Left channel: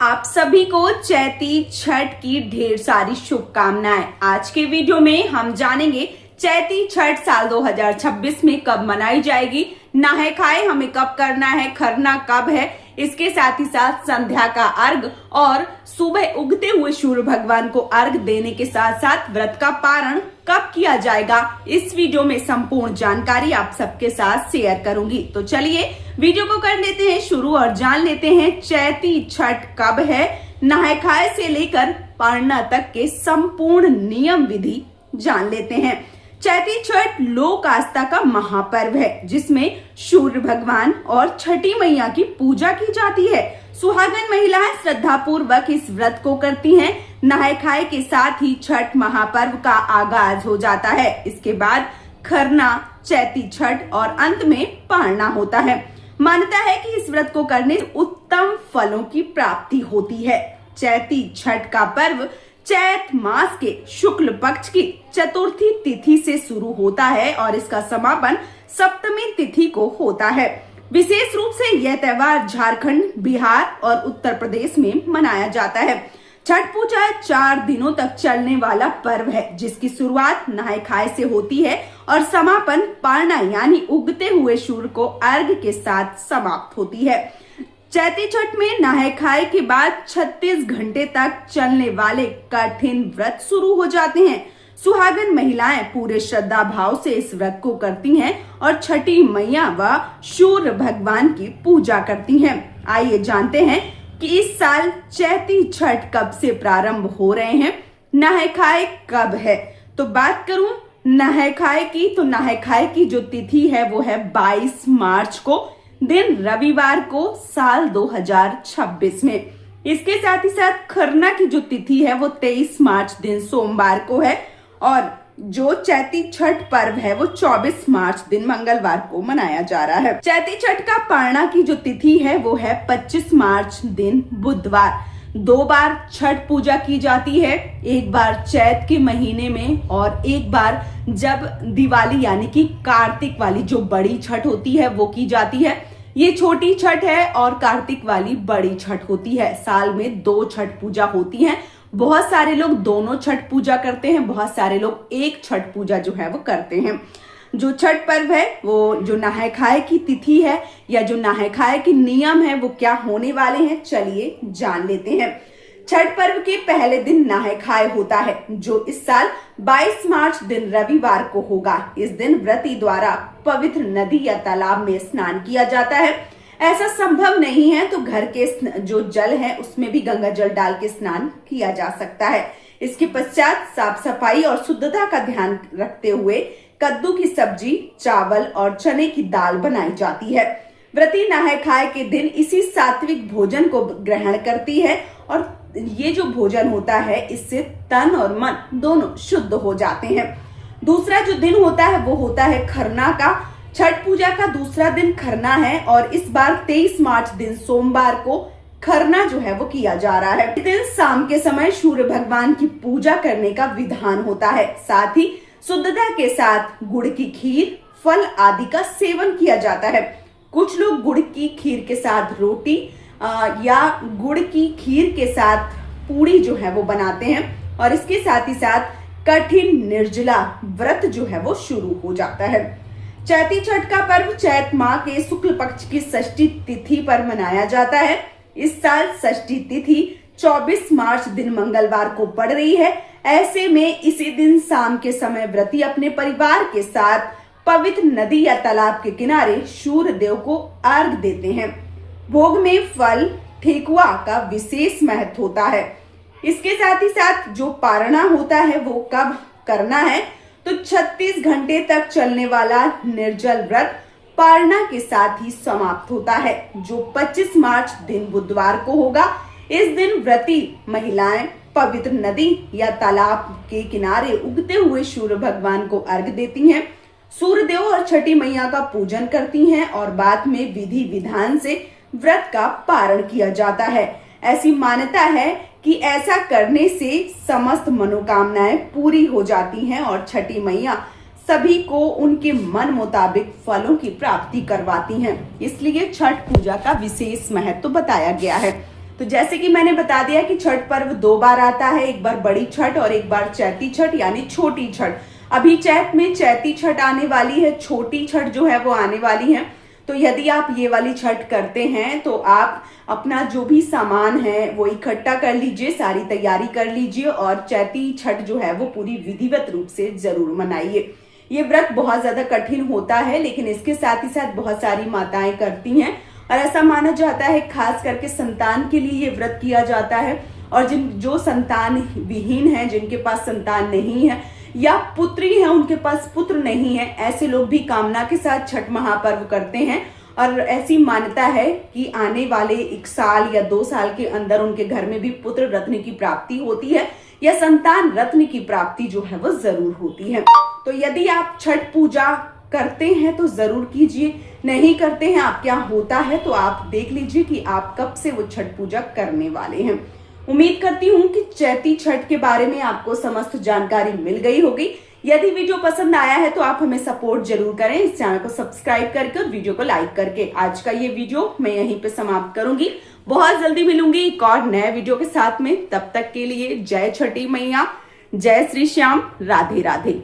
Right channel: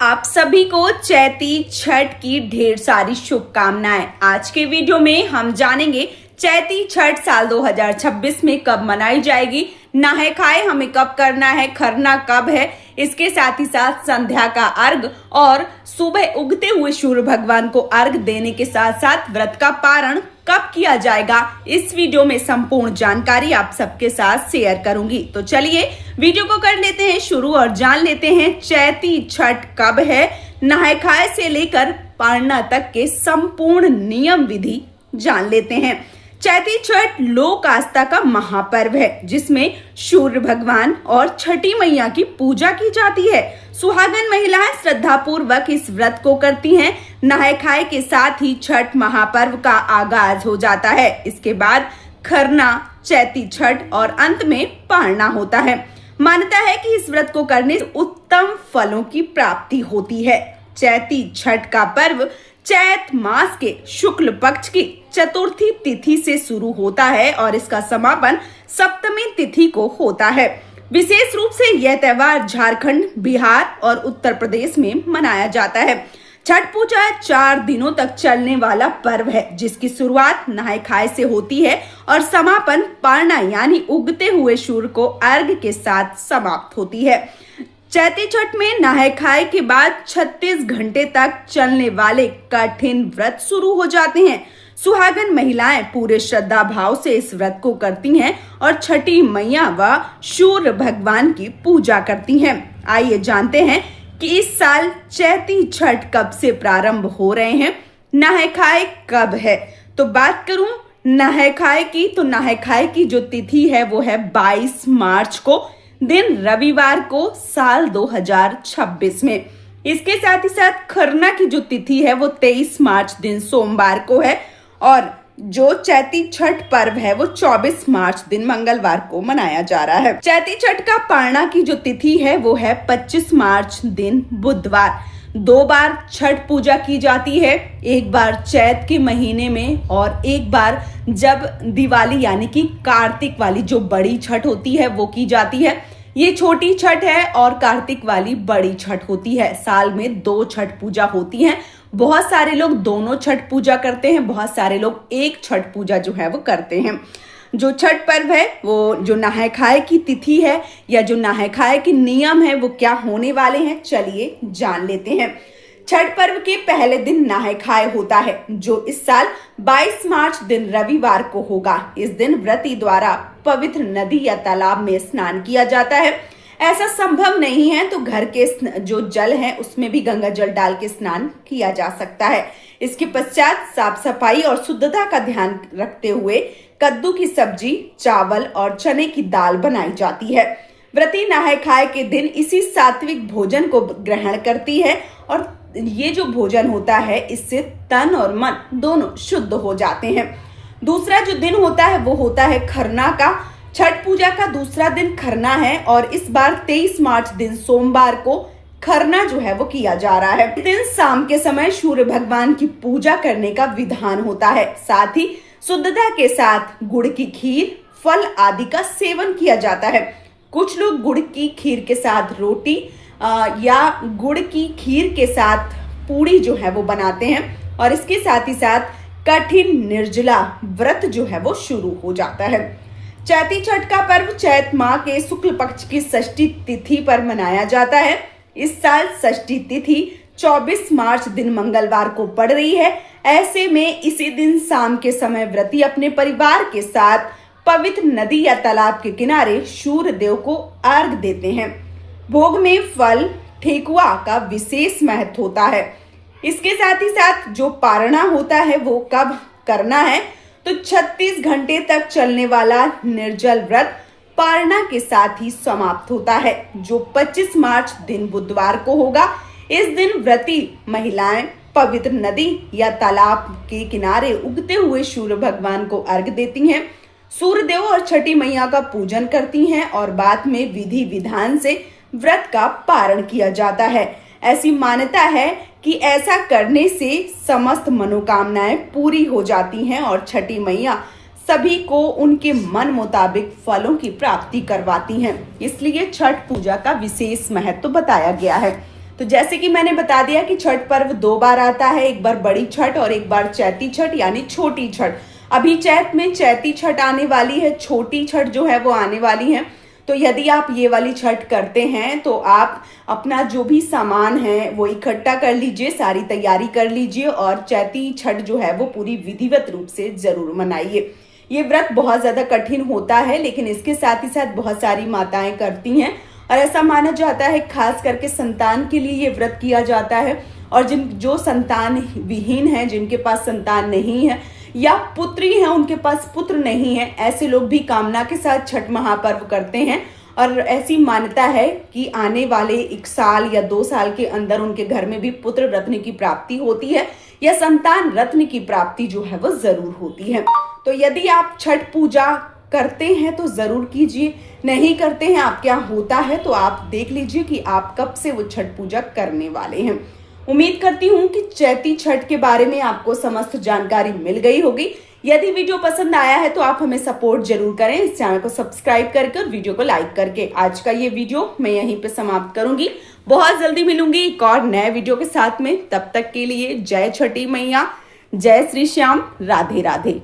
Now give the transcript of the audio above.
आप सभी को चैती छठ की ढेर सारी शुभकामनाएं। आज के वीडियो में हम जानेंगे चैती छठ साल 2026 में कब मनाई जाएगी, नहाए खाए हमें कब करना है, खरना कब है, इसके साथ ही साथ संध्या का अर्घ और सुबह उगते हुए सूर्य भगवान को अर्घ देने के साथ साथ व्रत का पारण कब किया जाएगा। इस वीडियो में संपूर्ण जानकारी आप सबके साथ शेयर करूंगी। तो चलिए वीडियो को कर लेते हैं शुरू और जान लेते हैं चैती छठ कब है, नहाए खाए से लेकर पारना तक के संपूर्ण नियम विधि जान लेते हैं। चैती छठ लोक आस्था का महापर्व है जिसमें सूर्य भगवान और छठी मैया की पूजा की जाती है। सुहागन महिलाएं श्रद्धा पूर्वक इस व्रत को करती हैं। नहाए खाए के साथ ही छठ महापर्व का आगाज हो जाता है। इसके बाद खरना, चैती छठ और अंत में पारना होता है। मान्यता है कि इस व्रत को करने से उत्तम फलों की प्राप्ति होती है। चैती छठ का पर्व चैत मास के शुक्ल पक्ष की चतुर्थी तिथि से शुरू होता है और इसका समापन सप्तमी तिथि को होता है। विशेष रूप से यह त्योहार झारखंड, बिहार और उत्तर प्रदेश में मनाया जाता है। छठ पूजा 4 दिनों तक चलने वाला पर्व है जिसकी शुरुआत नहाए खाए से होती है और समापन पारना यानी उगते हुए सूर्य को अर्घ के साथ समाप्त होती है। चैती छठ में नहाए खाए के बाद 36 घंटे तक चलने वाले कठिन व्रत शुरू हो जाते हैं। सुहागन महिलाएं पूरे श्रद्धा भाव से इस व्रत को करती हैं और छठी मैया व सूर्य भगवान की पूजा करती हैं। आइए जानते हैं कि इस साल चैती छठ कब से प्रारंभ हो रहे हैं, नहाए खाए कब है। तो बात करूं नहाए खाए की, तो नहाए खाए की जो तिथि है वो है 22 मार्च को, दिन रविवार को, साल 2026 में। इसके साथ ही साथ खरना की जो तिथि है वो 23 मार्च दिन सोमवार को है और जो चैती छठ पर्व है वो 24 मार्च दिन मंगलवार को मनाया जा रहा है। चैती छठ का पारना की जो तिथि है वो है 25 मार्च दिन बुधवार। 2 बार छठ पूजा की जाती है, एक बार चैत के महीने में और एक बार जब दिवाली यानी कि कार्तिक वाली जो बड़ी छठ होती है वो की जाती है। ये छोटी छठ है और कार्तिक वाली बड़ी छठ होती है। साल में 2 छठ पूजा होती है। बहुत सारे लोग दोनों छठ पूजा करते हैं, बहुत सारे लोग एक छठ पूजा जो है वो करते हैं। जो छठ पर्व है वो जो नहाए खाए की तिथि है या जो नहाए खाए के नियम है वो क्या होने वाले हैं, चलिए जान लेते हैं। छठ पर्व के पहले दिन नहाए खाए होता है जो इस साल 22 मार्च दिन रविवार को होगा। इस दिन व्रती द्वारा पवित्र नदी या तालाब में स्नान किया जाता है। ऐसा संभव नहीं है तो घर के जो जल है उसमें भी गंगा जल डाल के स्नान किया जा सकता है। इसके पश्चात साफ सफाई और शुद्धता का ध्यान रखते हुए कद्दू की सब्जी, चावल और चने की दाल बनाई जाती है। व्रती नहाए खाए के दिन इसी सात्विक भोजन को ग्रहण करती है और ये जो भोजन होता है इससे तन और मन दोनों शुद्ध हो जाते हैं। दूसरा जो दिन होता है वो होता है खरना का। छठ पूजा का दूसरा दिन खरना है और इस बार 23 मार्च दिन सोमवार को खरना जो है वो किया जा रहा है। इस दिन शाम के समय सूर्य भगवान की पूजा करने का विधान होता है। साथ ही शुद्धता के साथ गुड़ की खीर, फल आदि का सेवन किया जाता है। कुछ लोग गुड़ की खीर के साथ रोटी या गुड़ की खीर के साथ पूड़ी जो है वो बनाते हैं और इसके साथ ही साथ कठिन निर्जला व्रत जो है वो शुरू हो जाता है। चैती छठ का पर्व चैत माह के शुक्ल पक्ष की षष्ठी तिथि पर मनाया जाता है। इस साल षष्ठी तिथि 24 मार्च दिन मंगलवार को पड़ रही है। ऐसे में इसी दिन शाम के समय व्रती अपने परिवार के साथ पवित्र नदी या तालाब के किनारे सूर्य देव को अर्घ देते हैं। भोग में फल, ठेकुआ का विशेष महत्व होता है। इसके साथ ही साथ जो पारना होता है वो कब करना है, तो 36 घंटे तक चलने वाला निर्जल व्रत पारना के साथ ही समाप्त होता है जो 25 मार्च दिन बुधवार को होगा। इस दिन व्रती महिलाएं पवित्र नदी या तालाब के किनारे उगते हुए सूर्य भगवान को अर्घ देती हैं, सूर्य देव और छठी मैया का पूजन करती हैं और बाद में विधि विधान से व्रत का पारण किया जाता है। ऐसी मान्यता है कि ऐसा करने से समस्त मनोकामनाएं पूरी हो जाती हैं और छठी मैया सभी को उनके मन मुताबिक फलों की प्राप्ति करवाती हैं। इसलिए छठ पूजा का विशेष महत्व बताया गया है। तो जैसे कि मैंने बता दिया कि छठ पर्व 2 बार आता है, एक बार बड़ी छठ और एक बार चैती छठ यानी छोटी छठ। अभी चैत में चैती छठ आने वाली है, छोटी छठ जो है वो आने वाली है। तो यदि आप ये वाली छठ करते हैं तो आप अपना जो भी सामान है वो इकट्ठा कर लीजिए, सारी तैयारी कर लीजिए और चैती छठ जो है वो पूरी विधिवत रूप से जरूर मनाइए। ये व्रत बहुत ज्यादा कठिन होता है, लेकिन इसके साथ ही साथ बहुत सारी माताएं करती हैं और ऐसा माना जाता है खास करके संतान के लिए ये व्रत किया जाता है। और जो संतान विहीन है, जिनके पास संतान नहीं है या पुत्री है उनके पास पुत्र नहीं है, ऐसे लोग भी कामना के साथ छठ महापर्व करते हैं। और ऐसी मान्यता है कि आने वाले 1 साल या 2 साल के अंदर उनके घर में भी पुत्र रत्न की प्राप्ति होती है या संतान रत्न की प्राप्ति जो है वो जरूर होती है। तो यदि आप छठ पूजा करते हैं तो जरूर कीजिए, नहीं करते हैं, आपके यहाँ होता है तो आप देख लीजिए कि आप कब से वो छठ पूजा करने वाले हैं। उम्मीद करती हूँ कि चैती छठ के बारे में आपको समस्त जानकारी मिल गई होगी। यदि वीडियो पसंद आया है तो आप हमें सपोर्ट जरूर करें, इस चैनल को सब्सक्राइब करके और वीडियो को लाइक करके। आज का ये वीडियो मैं यहीं पे समाप्त करूंगी। बहुत जल्दी मिलूंगी एक और नए वीडियो के साथ में। तब तक के लिए जय छठी मैया, जय श्री श्याम, राधे राधे।